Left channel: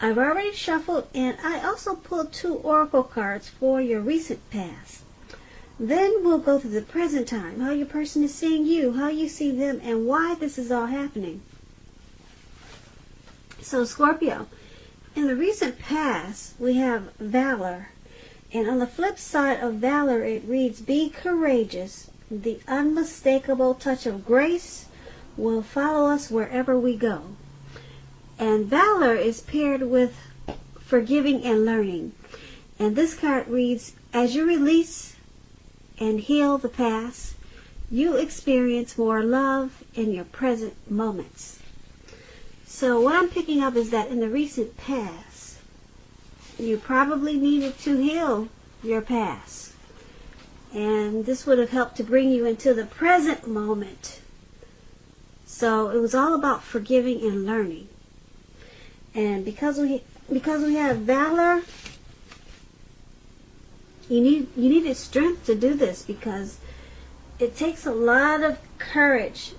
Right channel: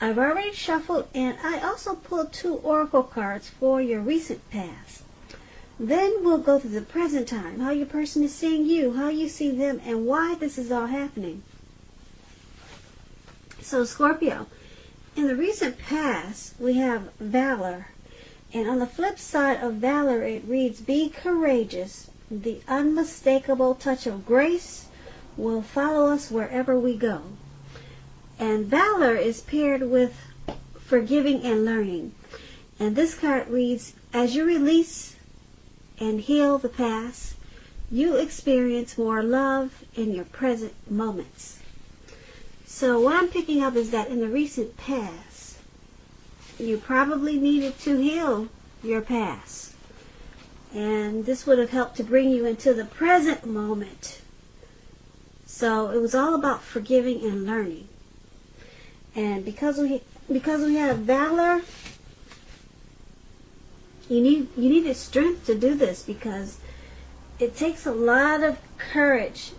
I've already shuffled, and I also pulled 2 oracle cards for your recent past. Then we'll go to the present time, how your person is seeing you, how you see them, and why this is all happening. So Scorpio, in the recent past, we have valor. And on the flip side of valor, it reads, be courageous. The unmistakable touch of grace will follow us wherever we go. And valor is paired with forgiving and learning. And this card reads, as you release and heal the past, you experience more love in your present moments. So what I'm picking up is that in the recent past, you probably needed to heal your past. And this would have helped to bring you into the present moment. So it was all about forgiving and learning. And because we have valor, you needed strength to do this, because it takes a lot of courage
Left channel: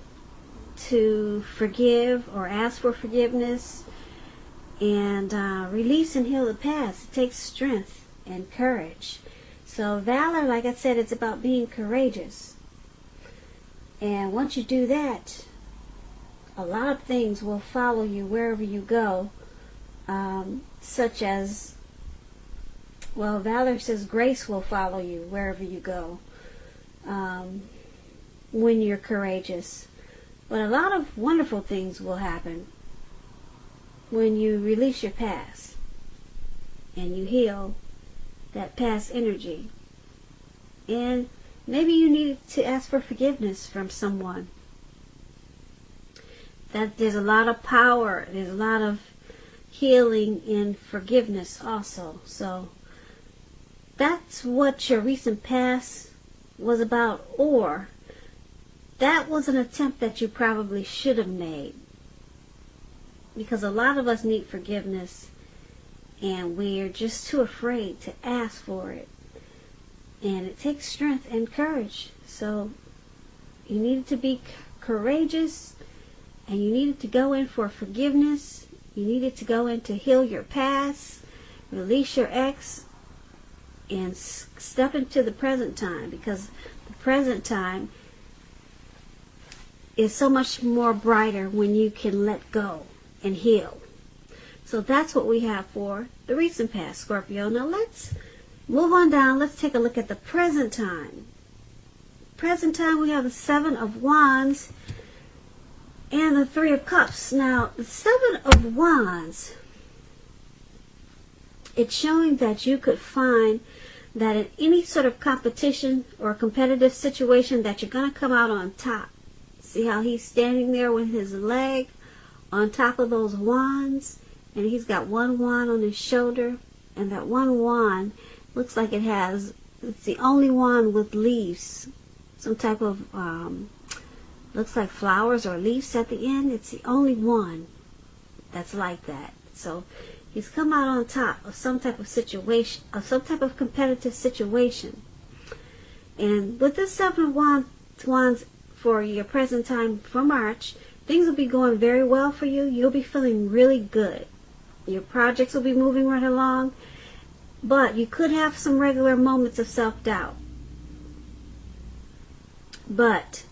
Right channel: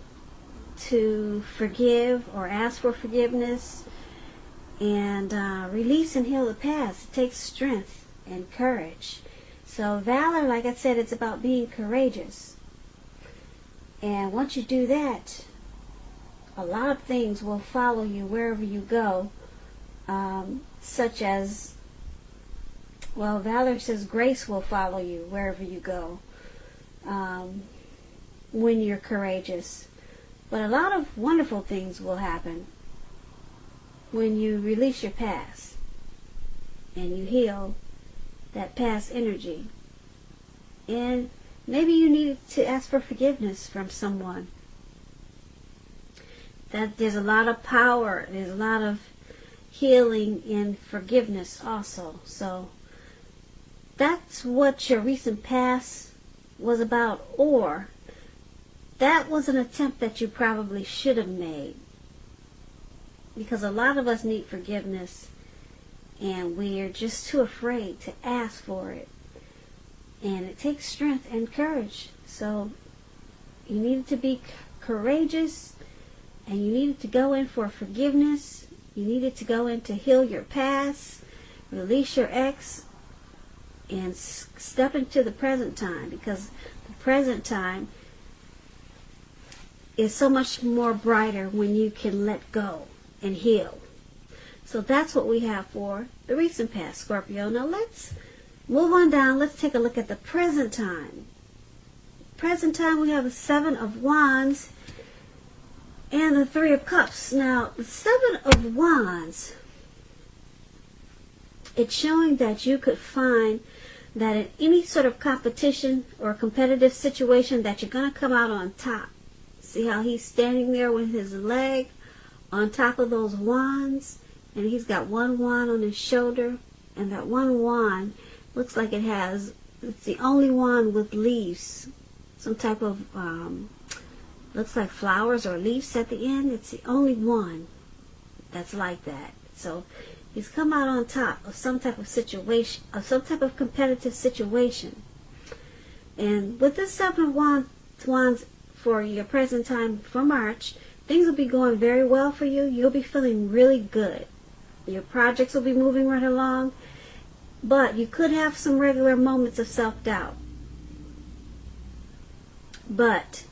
to forgive or ask for forgiveness and release and heal the past. It takes strength and courage. So valor, like I said, it's about being courageous. And once you do that, a lot of things will follow you wherever you go. Such as, well, valor says grace will follow you wherever you go when you're courageous. But a lot of wonderful things will happen when you release your past and you heal that past energy. And maybe you need to ask for forgiveness from someone. That there's a lot of power, there's a lot of healing and forgiveness also. So that's what your recent past was about. Or that was an attempt that you probably should have made, because a lot of us need forgiveness and we're just too afraid to ask for it, and it takes strength and courage. So you needed to be courageous, and you needed to go in for forgiveness. You needed to go in to heal your past, release your ex, and step into the present time, because the present time is so much more brighter when you can let go and heal. So that's what we have for the recent past, Scorpio. Now let's move on down. Let's take a look at the present time. Present time, we have the 7 of Wands and the 3 of Cups. Now, the 7 of Wands, it's showing that you could find that in any sort of competition or competitive situation that you're going to come out on top. See how he's standing there with his leg on top of those wands, and he's got one wand on his shoulder, and that one wand looks like it's the only wand with leaves, some type of looks like flowers or leaves at the end. It's the only one that's like that. So he's come out on top of some type of situation, of some type of competitive situation. And with this 7 of Wands for your present time for March, things will be going very well for you. You'll be feeling really good. Your projects will be moving right along, but you could have some regular moments of self-doubt. But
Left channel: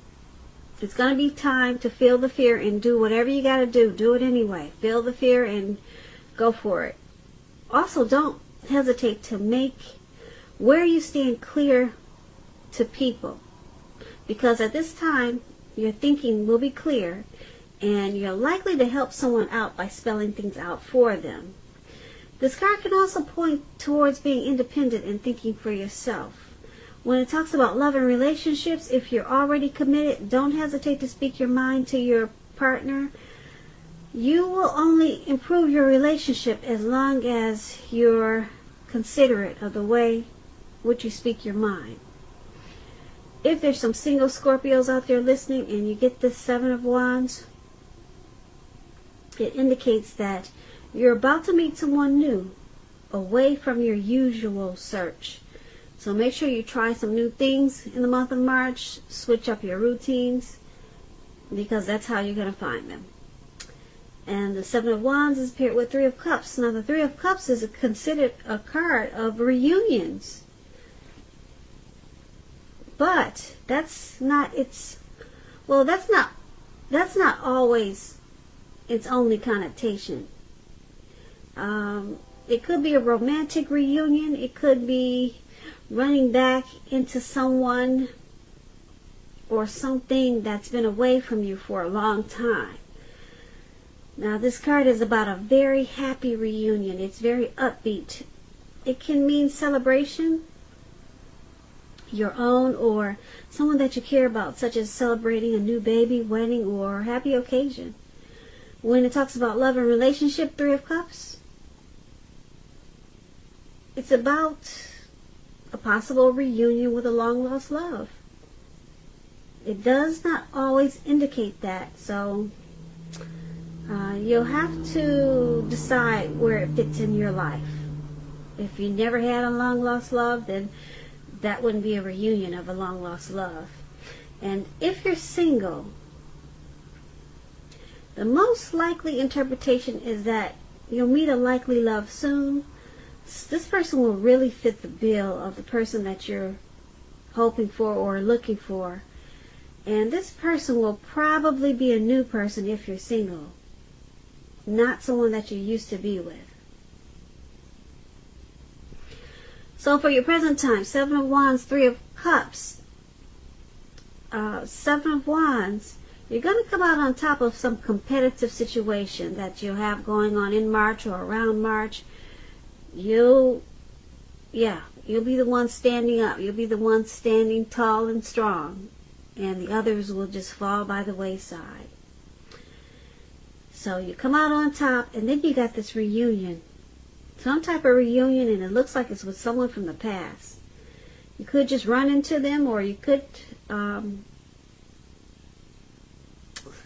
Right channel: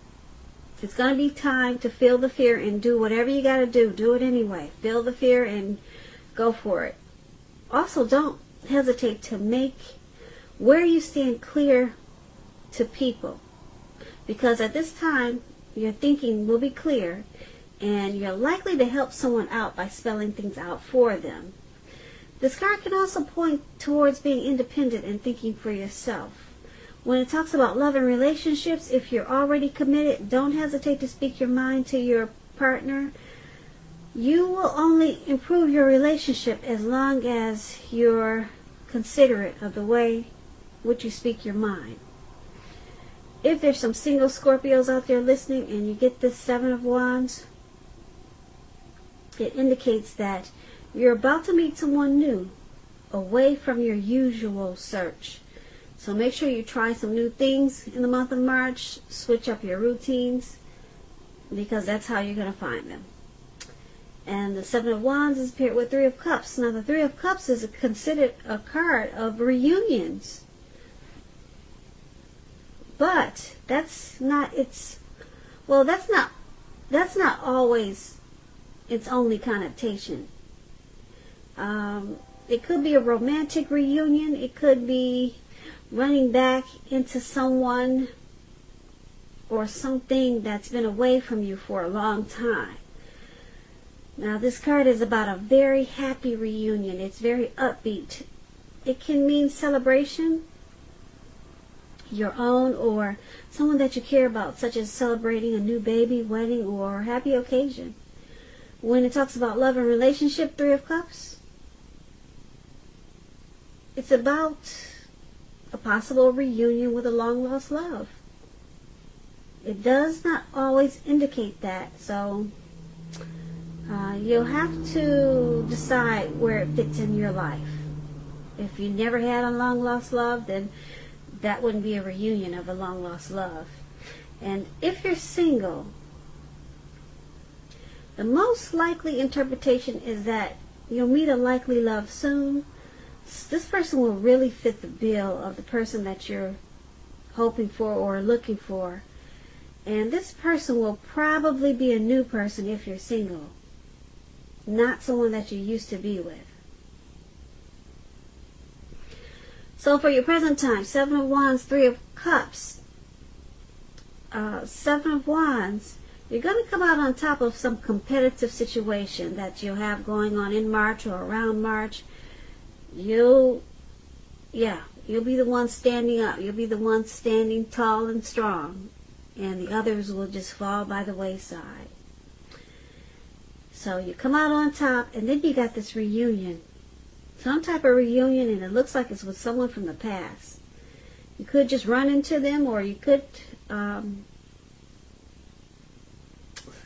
it's going to be time to feel the fear and do whatever you got to do. Do it anyway. Feel the fear and go for it. Also, don't hesitate to make where you stand clear to people, because at this time your thinking will be clear, and you're likely to help someone out by spelling things out for them. This card can also point towards being independent and thinking for yourself. When it talks about love and relationships, if you're already committed, don't hesitate to speak your mind to your partner. You will only improve your relationship as long as you're considerate of the way which you speak your mind. If there's some single Scorpios out there listening and you get this 7 of Wands, it indicates that you're about to meet someone new, away from your usual search. So make sure you try some new things in the month of March. Switch up your routines, because that's how you're going to find them. And the Seven of Wands is paired with Three of Cups. Now, the Three of Cups is considered a card of reunions. But that's not always its only connotation. It could be a romantic reunion. It could be running back into someone or something that's been away from you for a long time. Now, this card is about a very happy reunion. It's very upbeat. It can mean celebration, your own or someone that you care about, such as celebrating a new baby, wedding, or happy occasion. When it talks about love and relationship, Three of Cups, it's about a possible reunion with a long-lost love. It does not always indicate that, so you'll have to decide where it fits in your life. If you never had a long-lost love, then that wouldn't be a reunion of a long-lost love. And if you're single, the most likely interpretation is that you'll meet a likely love soon. This person will really fit the bill of the person that you're hoping for or looking for. And this person will probably be a new person if you're single, not someone that you used to be with. So for your present time, Seven of Wands, Three of Cups. Seven of Wands, you're going to come out on top of some competitive situation that you have going on in March or around March. You'll be the one standing up. You'll be the one standing tall and strong. And the others will just fall by the wayside. So you come out on top, and then you got this reunion. Some type of reunion, and it looks like it's with someone from the past. You could just run into them, or you could, I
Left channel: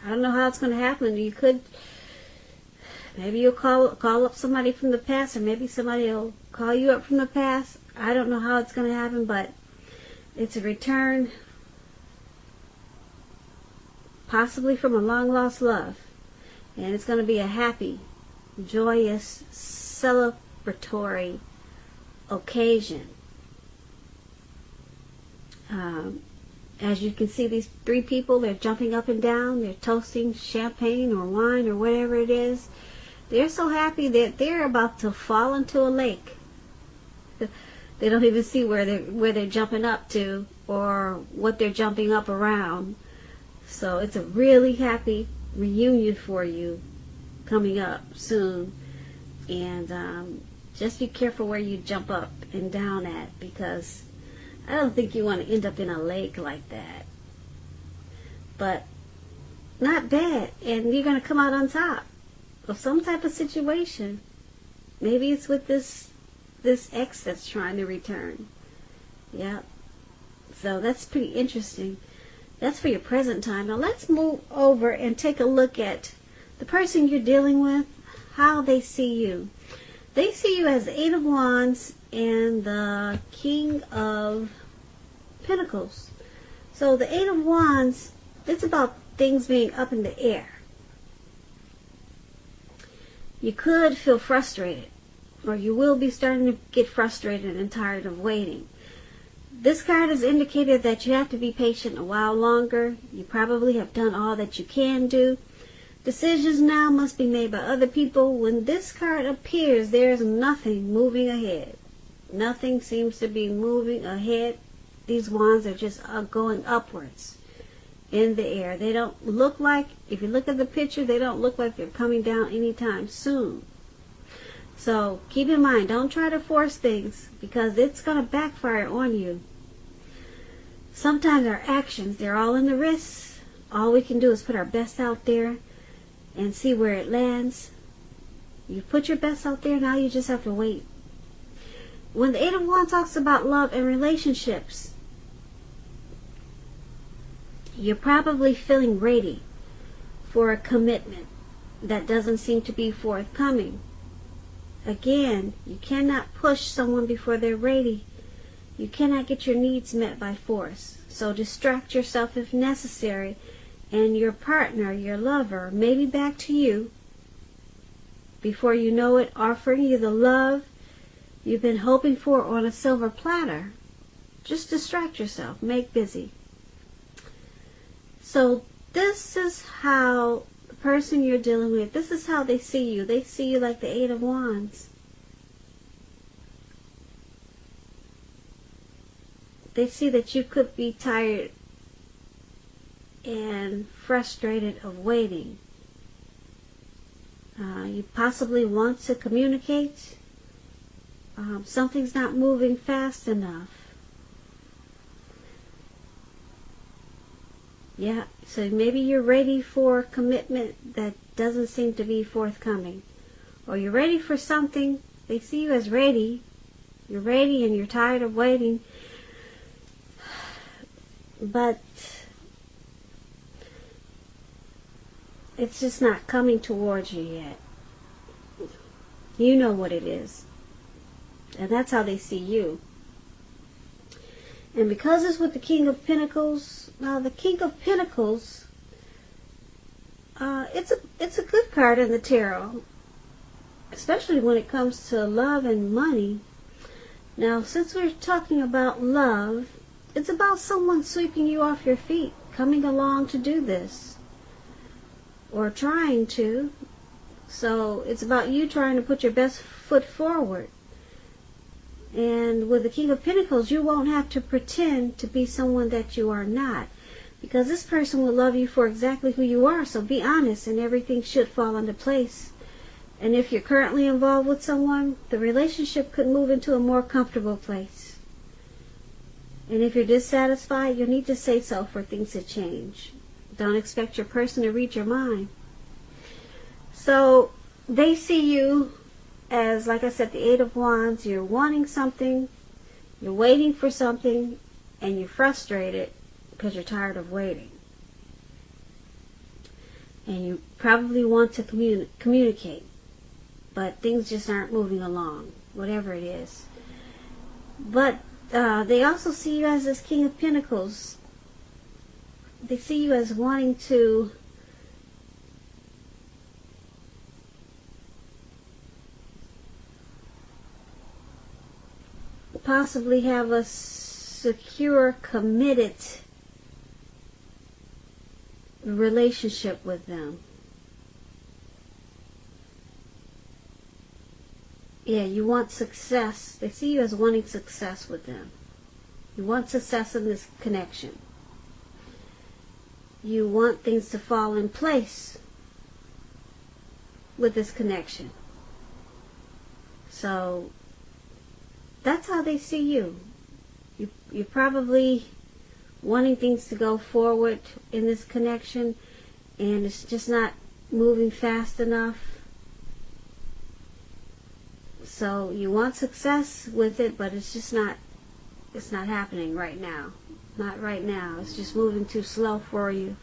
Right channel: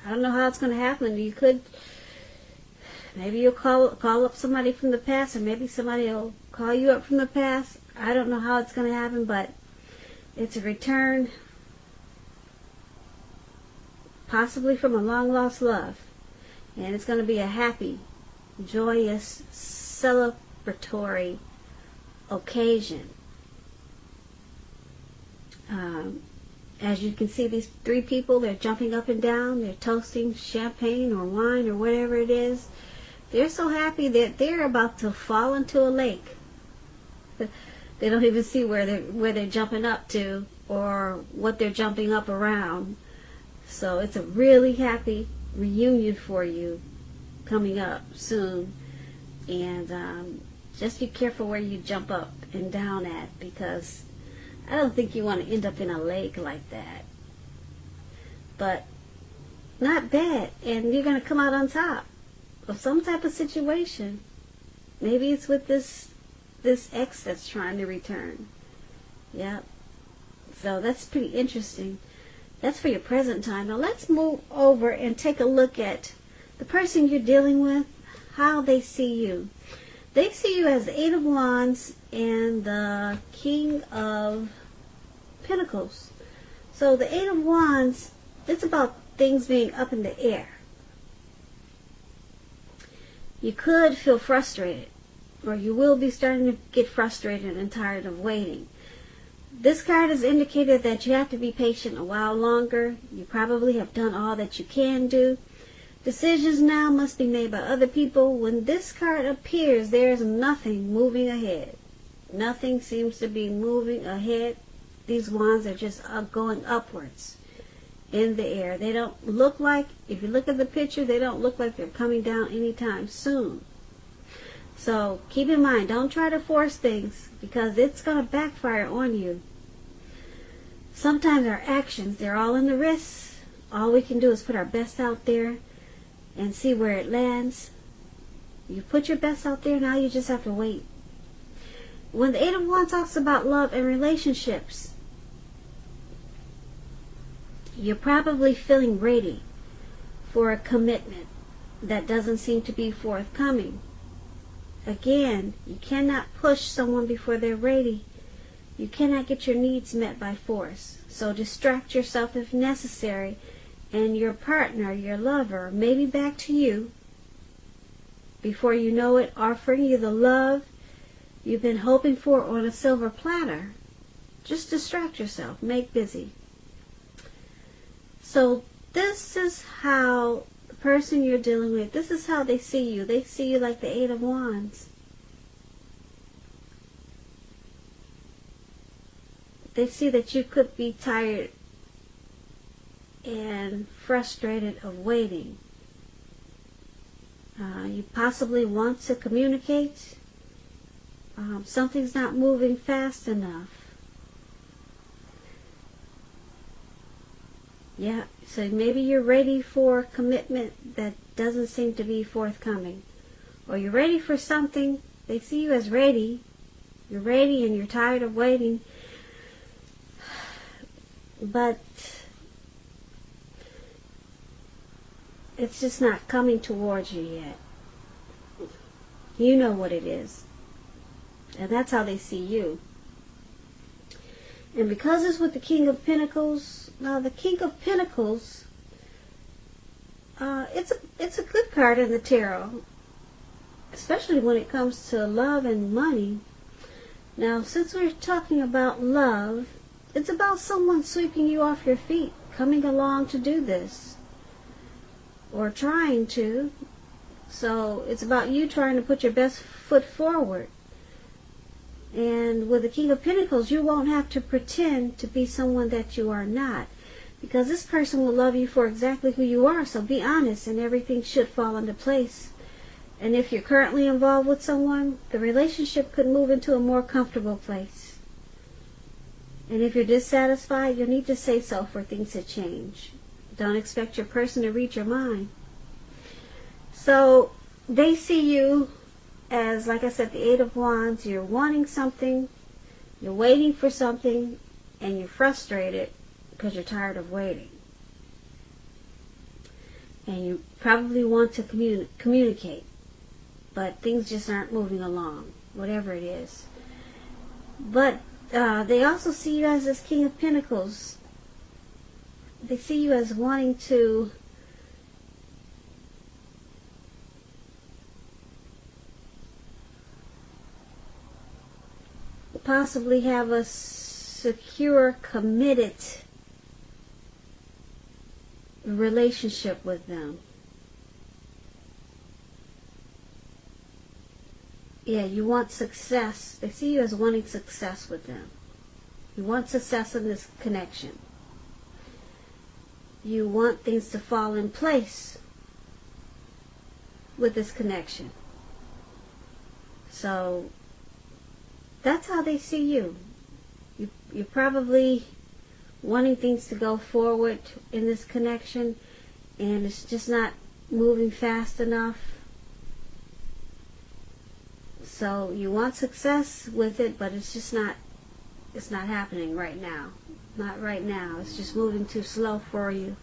don't know how it's going to happen. You could, maybe you'll call up somebody from the past, or maybe somebody will call you up from the past. I don't know how it's going to happen, but it's a return, possibly from a long-lost love. And it's going to be a happy, joyous, celebratory occasion. As you can see, these three people, they're jumping up and down. They're toasting champagne or wine or whatever it is. They're so happy that they're about to fall into a lake. They don't even see where they're jumping up to or what they're jumping up around. So it's a really happy reunion for you coming up soon. And just be careful where you jump up and down at, because I don't think you want to end up in a lake like that. But not bad. And you're going to come out on top of some type of situation. Maybe it's with this ex that's trying to return. Yep. So that's pretty interesting. That's for your present time. Now let's move over and take a look at the person you're dealing with, how they see you. They see you as the Eight of Wands and the King of Pentacles. So the Eight of Wands, it's about things being up in the air. You could feel frustrated, or you will be starting to get frustrated and tired of waiting. This card has indicated that you have to be patient a while longer. You probably have done all that you can do. Decisions now must be made by other people. When this card appears, there is nothing moving ahead. Nothing seems to be moving ahead. These wands are just going upwards in the air. They don't look like, if you look at the picture, they don't look like they're coming down anytime soon. So keep in mind, don't try to force things, because it's going to backfire on you. Sometimes our actions, they're all in the wrists. All we can do is put our best out there and see where it lands. You put your best out there, now you just have to wait. When the Eight of Wands talks about love and relationships, you're probably feeling ready for a commitment that doesn't seem to be forthcoming. Again, you cannot push someone before they're ready. You cannot get your needs met by force. So distract yourself if necessary, and your partner, your lover, may be back to you before you know it, offering you the love you've been hoping for on a silver platter. Just distract yourself. Make busy. So this is how the person you're dealing with, this is how they see you. They see you like the Eight of Wands. They see that you could be tired and frustrated of waiting. You possibly want to communicate. Something's not moving fast enough. Yeah, so maybe you're ready for commitment that doesn't seem to be forthcoming. Or you're ready for something. They see you as ready. You're ready and you're tired of waiting. But it's just not coming towards you yet. You know what it is. And that's how they see you. And because it's with the King of Pentacles, now the King of Pentacles, it's a good card in the tarot, especially when it comes to love and money. Now, since we're talking about love, it's about someone sweeping you off your feet, coming along to do this, or trying to. So it's about you trying to put your best foot forward. And with the King of Pentacles, you won't have to pretend to be someone that you are not. Because this person will love you for exactly who you are. So be honest and everything should fall into place. And if you're currently involved with someone, the relationship could move into a more comfortable place. And if you're dissatisfied, you need to say so for things to change. Don't expect your person to read your mind. So they see you as, like I said, the Eight of Wands. You're wanting something, you're waiting for something, and you're frustrated because you're tired of waiting. And you probably want to communicate, but things just aren't moving along, whatever it is. But they also see you as this King of Pentacles. They see you as wanting to possibly have a secure, committed relationship with them. Yeah, you want success. They see you as wanting success with them. You want success in this connection. You want things to fall in place with this connection. So that's how they see you. You're probably wanting things to go forward in this connection, and it's just not moving fast enough. So you want success with it, but it's just not happening right now. Not right now. It's just moving too slow for you.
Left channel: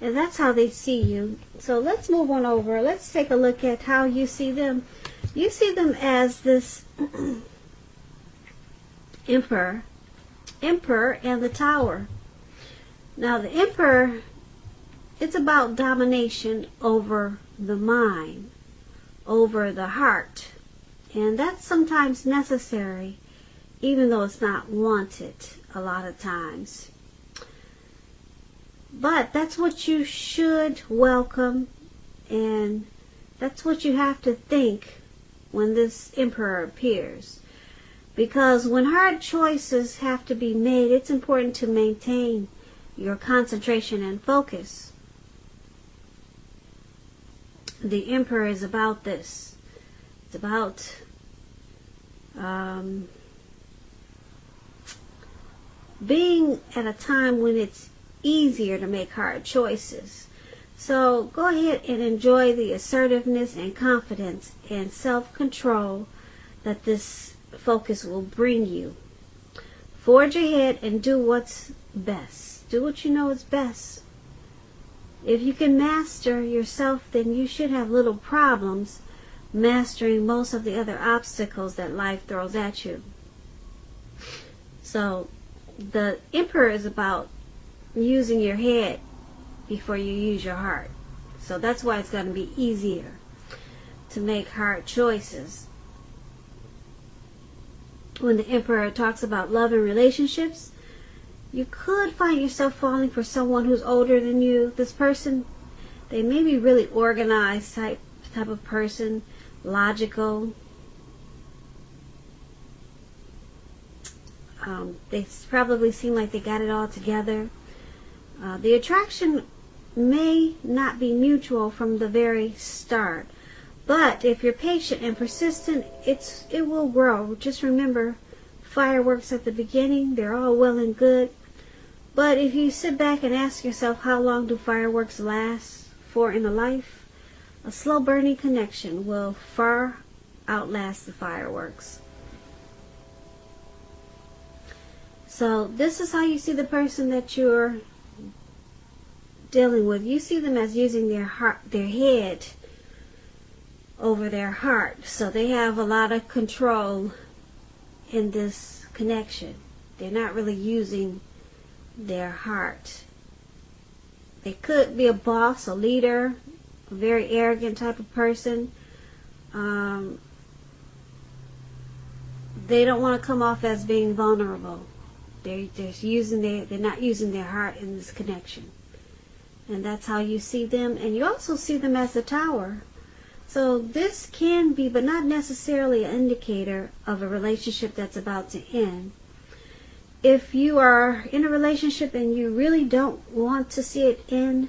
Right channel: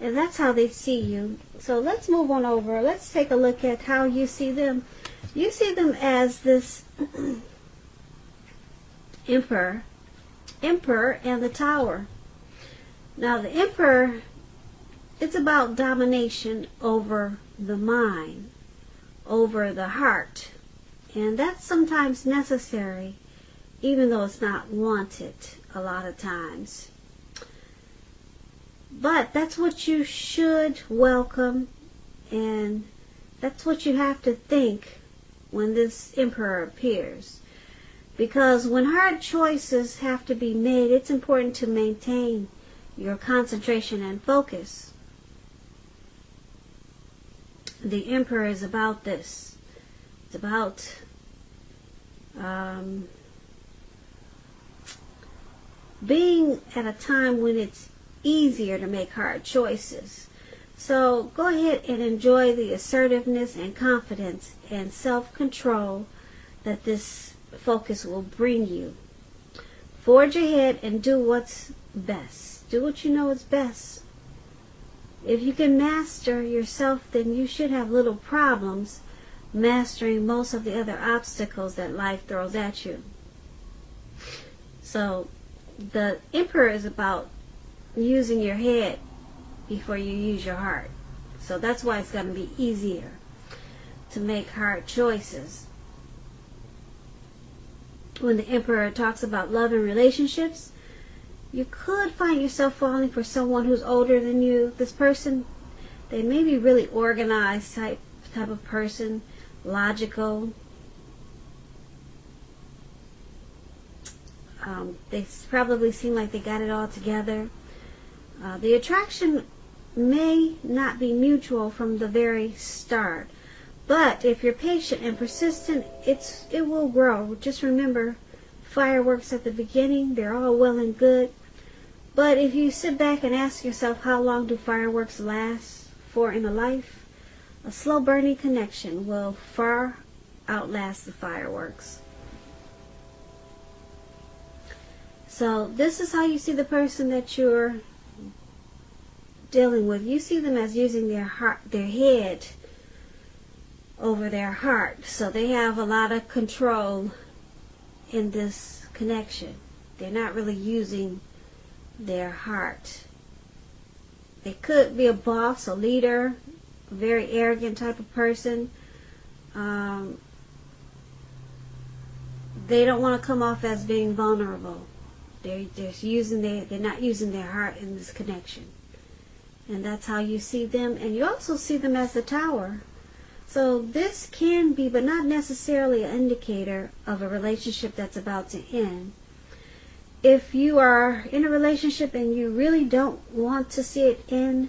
And that's how they see you. So let's move on over. Let's take a look at how you see them. You see them as this Emperor and the Tower. Now the Emperor, it's about domination over the mind, over the heart. And that's sometimes necessary, even though it's not wanted a lot of times. But that's what you should welcome, and that's what you have to think when this Emperor appears. Because when hard choices have to be made, it's important to maintain your concentration and focus. The Emperor is about this. It's about being at a time when it's easier to make hard choices. So go ahead and enjoy the assertiveness and confidence and self-control that this focus will bring you. Forge ahead and do what's best. Do what you know is best. If you can master yourself, then you should have little problems mastering most of the other obstacles that life throws at you. So the Emperor is about using your head before you use your heart. So that's why it's going to be easier to make hard choices. When the Emperor talks about love and relationships, you could find yourself falling for someone who's older than you. This person, they may be really organized type of person, logical. They probably seem like they got it all together. The attraction may not be mutual from the very start, but if you're patient and persistent, it will grow. Just remember, fireworks at the beginning, they're all well and good. But if you sit back and ask yourself, how long do fireworks last for in a life? A slow burning connection will far outlast the fireworks. So this is how you see the person that you're dealing with. You see them as using their head over their heart. So they have a lot of control in this connection. They're not really using their heart. They could be a boss, a leader, a very arrogant type of person. They don't want to come off as being vulnerable. They're not using their heart in this connection. And that's how you see them. And you also see them as the Tower. So this can be, but not necessarily, an indicator of a relationship that's about to end. If you are in a relationship and you really don't want to see it end,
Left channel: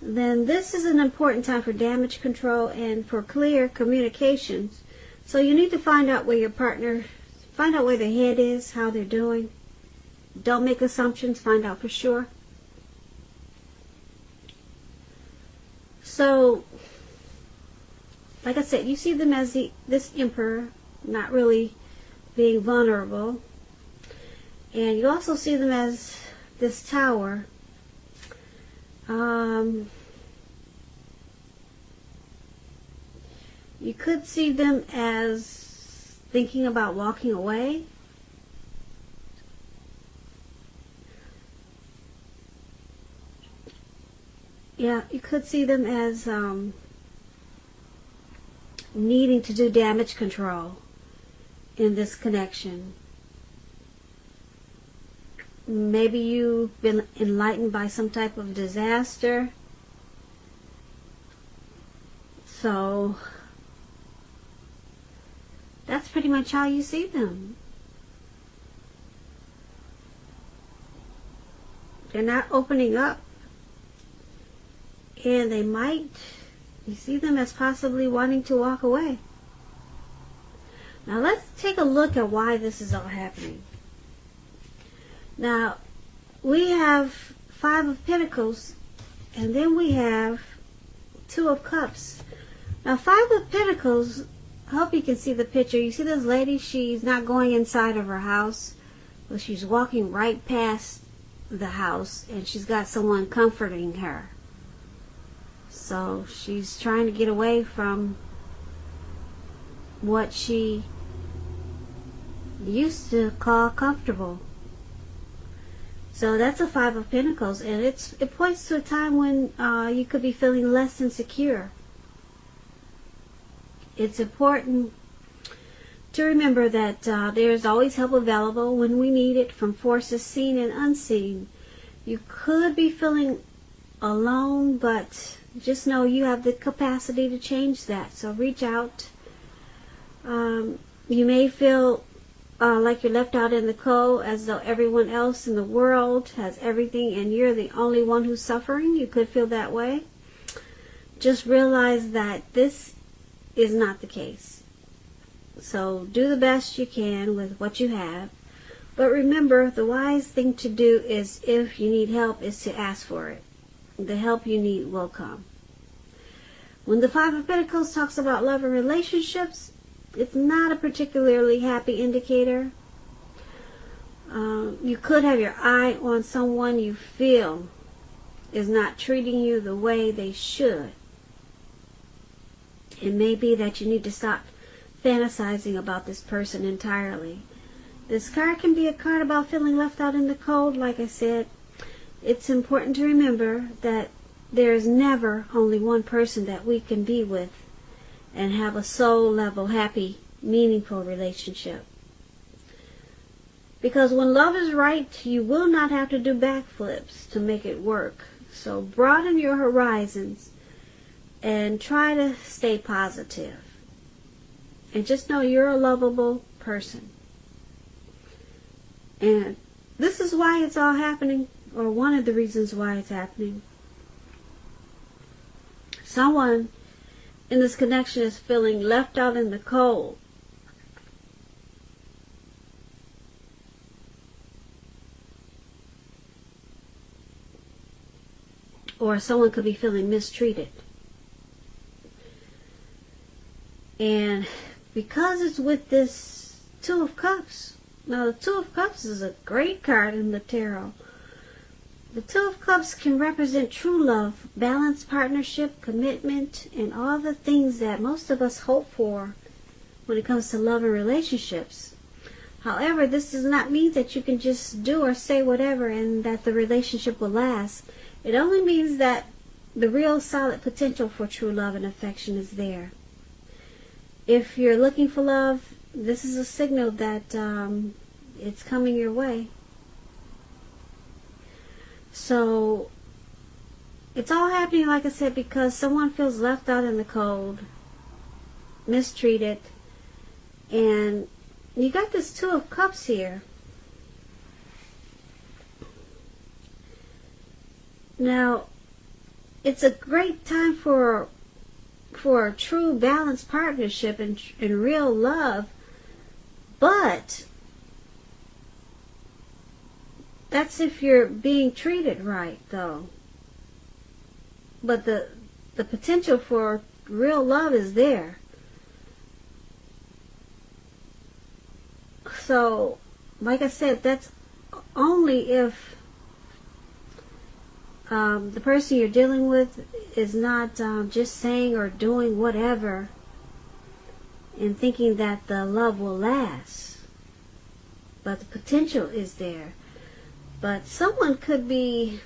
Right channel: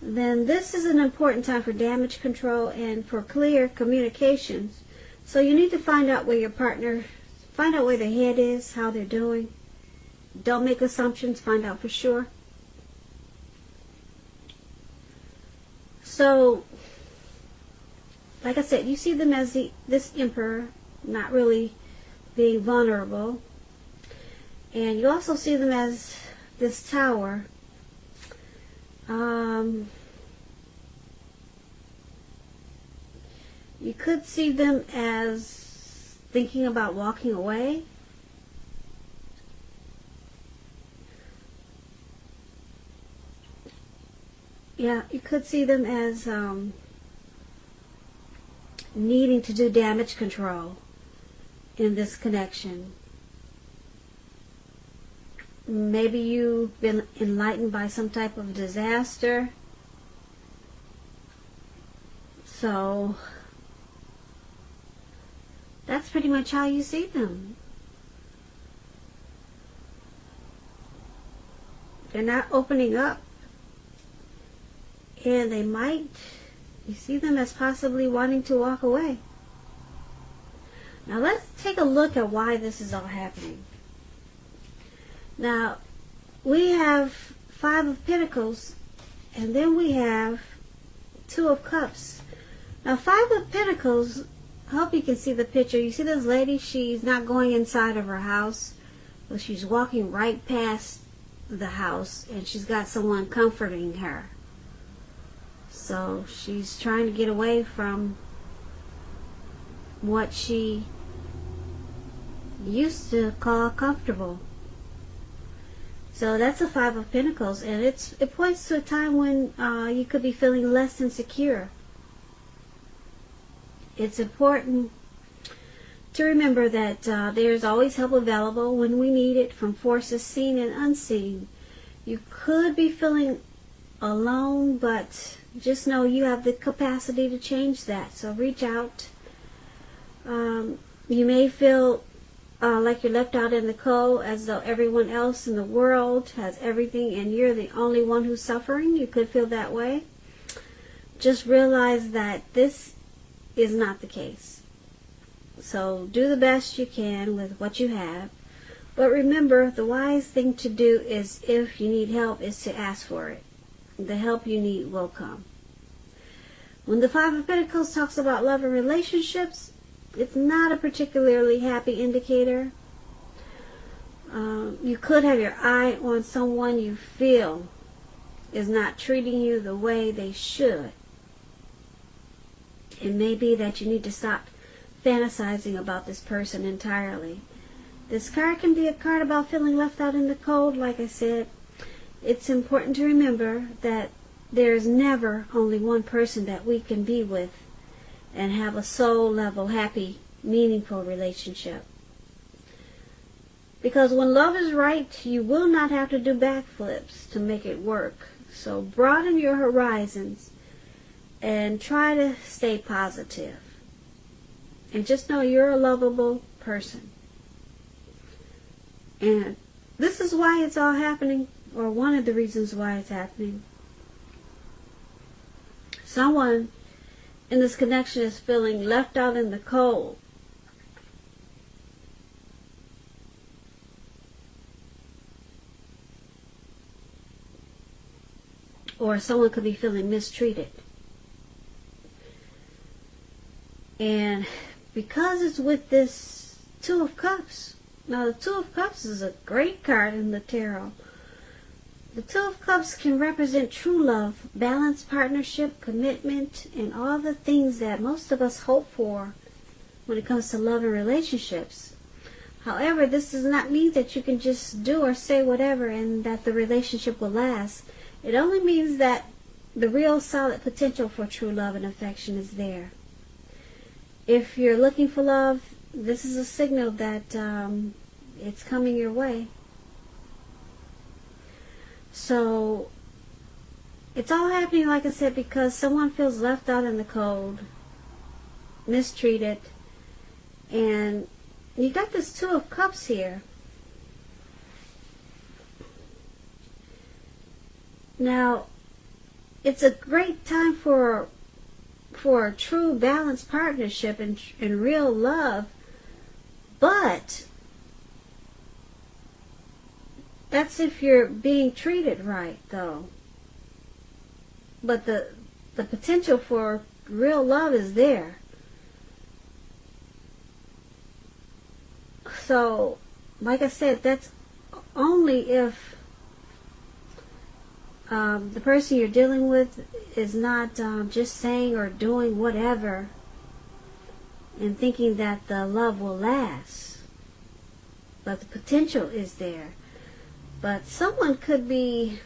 then this is an important time for damage control and for clear communications. So you need to find out where your partner, find out where their head is, how they're doing. Don't make assumptions, find out for sure. So, like I said, you see them as this Emperor, not really being vulnerable. And you also see them as this Tower. You could see them as thinking about walking away. Yeah, you could see them as needing to do damage control in this connection. Maybe you've been enlightened by some type of disaster. So that's pretty much how you see them. They're not opening up. And they might, you see them as possibly wanting to walk away. Now let's take a look at why this is all happening. Now, we have 5 of Pentacles, and then we have 2 of Cups. Now, 5 of Pentacles, I hope you can see the picture. You see this lady, she's not going inside of her house, but she's walking right past the house, and she's got someone comforting her. So, she's trying to get away from what she used to call comfortable. So that's a 5 of Pentacles, and it points to a time when you could be feeling less insecure. It's important to remember that there's always help available when we need it from forces seen and unseen. You could be feeling alone, but just know you have the capacity to change that. So reach out. You may feel like you're left out in the cold, as though everyone else in the world has everything and you're the only one who's suffering. You could feel that way. Just realize that this is not the case. So do the best you can with what you have. But remember, the wise thing to do is, if you need help, is to ask for it. The help you need will come. When the 5 of Pentacles talks about love and relationships, it's not a particularly happy indicator. You could have your eye on someone you feel is not treating you the way they should. It may be that you need to stop fantasizing about this person entirely. This card can be a card about feeling left out in the cold, like I said. It's important to remember that there is never only one person that we can be with. and have a soul level, happy, meaningful relationship. Because when love is right, you will not have to do backflips to make it work. So broaden your horizons and try to stay positive. And just know you're a lovable person. And this is why it's all happening, or one of the reasons why it's happening. Someone in this connection is feeling left out in the cold. Or someone could be feeling mistreated. And because it's with this Two of Cups, now the Two of Cups is a great card in the tarot. The Two of Cups can represent true love, balanced partnership, commitment, and all the things that most of us hope for when it comes to love and relationships. However, this does not mean that you can just do or say whatever and that the relationship will last. It only means that the real solid potential for true love and affection is there. If you're looking for love, this is a signal that it's coming your way. So, it's all happening, like I said, because someone feels left out in the cold, mistreated, and you got this Two of Cups here. Now, it's a great time for a true balanced partnership and real love, but that's if you're being treated right, though. But the potential for real love is there. So, like I said, that's only if the person you're dealing with is not just saying or doing whatever and thinking that the love will last. But the potential is there. But someone could be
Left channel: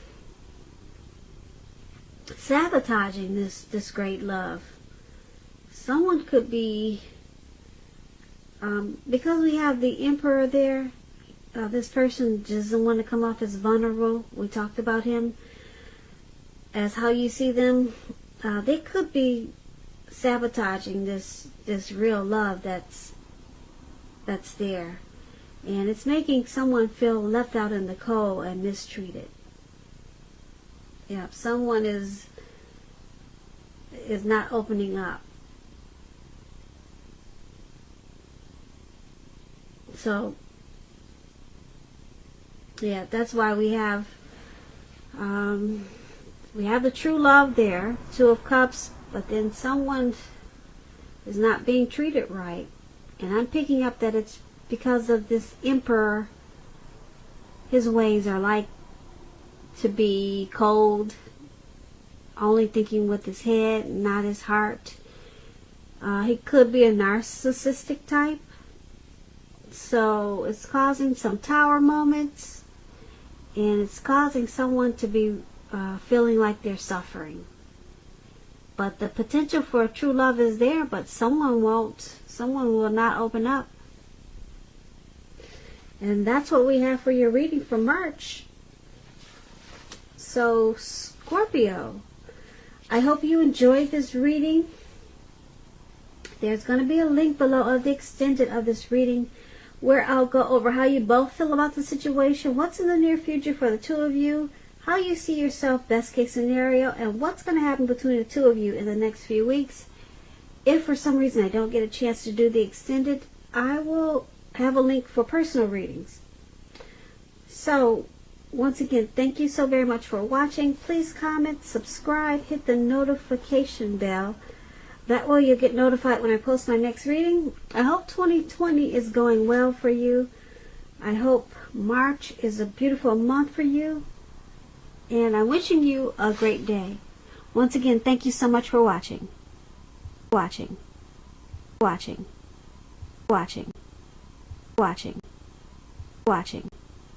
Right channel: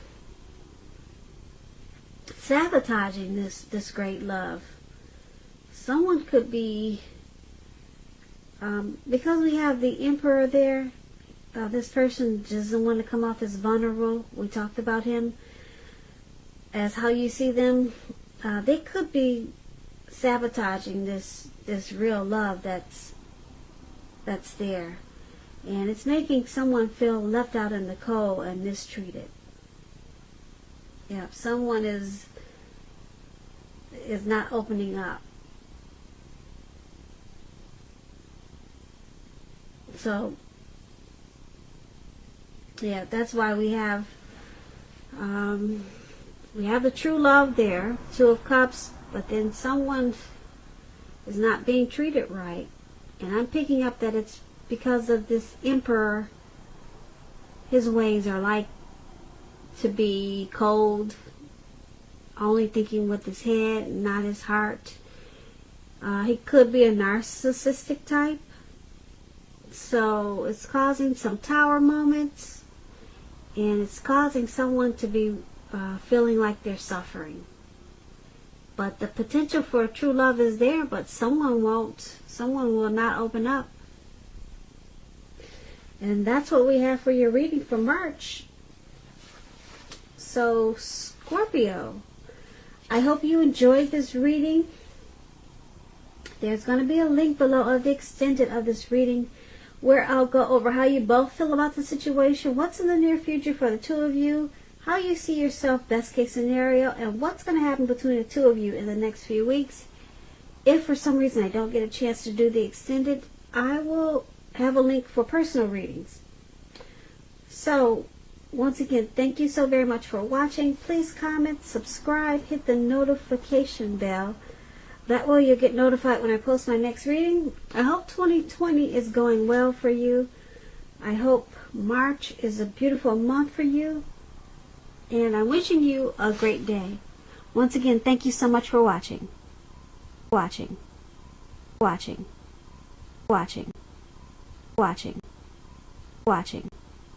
sabotaging this great love. Someone could be, because we have the Emperor there, this person doesn't want to come off as vulnerable. We talked about him as how you see them. They could be sabotaging this real love that's there. And it's making someone feel left out in the cold and mistreated. Yeah, someone is not opening up. So, yeah, that's why we have the true love there, Two of Cups, but then someone is not being treated right. And I'm picking up that it's because of this Emperor. His ways are like to be cold, only thinking with his head and not his heart. He could be a narcissistic type. So it's causing some tower moments, and it's causing someone to be feeling like they're suffering. But the potential for true love is there, but someone will not open up. And that's what we have for your reading for March. So, Scorpio, I hope you enjoyed this reading. There's going to be a link below of the extended of this reading where I'll go over how you both feel about the situation, what's in the near future for the two of you, how you see yourself, best case scenario, and what's going to happen between the two of you in the next few weeks. If for some reason I don't get a chance to do the extended, I will have a link for personal readings. So, once again, thank you so very much for watching. Please comment, subscribe, hit the notification bell. That way you'll get notified when I post my next reading. I hope 2020 is going well for you. I hope March is a beautiful month for you. And I'm wishing you a great day. Once again, thank you so much for watching. Watching. Watching. Watching. Watching. Watching.